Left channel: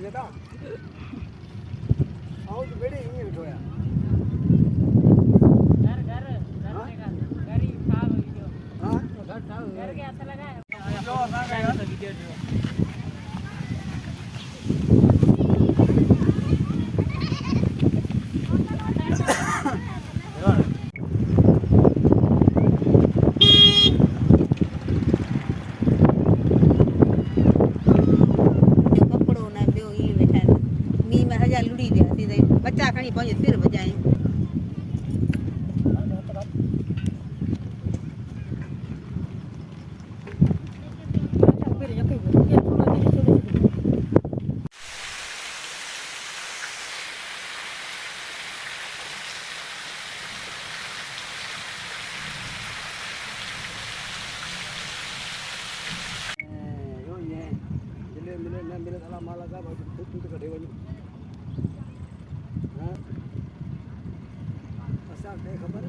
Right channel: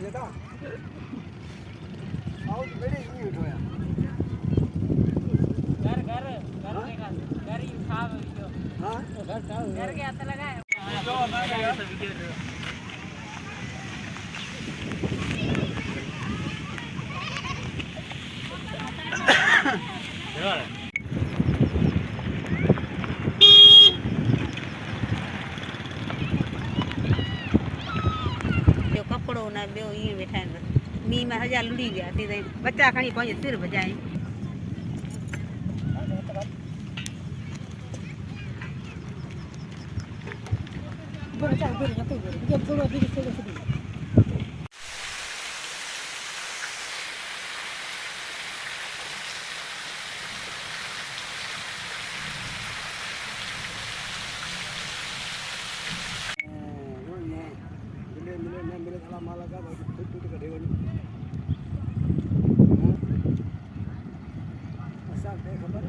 जदा आओ तो बड़े ही उठो यार घर घर घर देगा घर ही साहब वीडियो हां घर साहब घर के हाथ लगा है जो ना गया वीडियो लुड़ी गया थी बच्चा कहीं पहुंचे सिर बजाए मिले साला माला का फुट कटे वनी खबर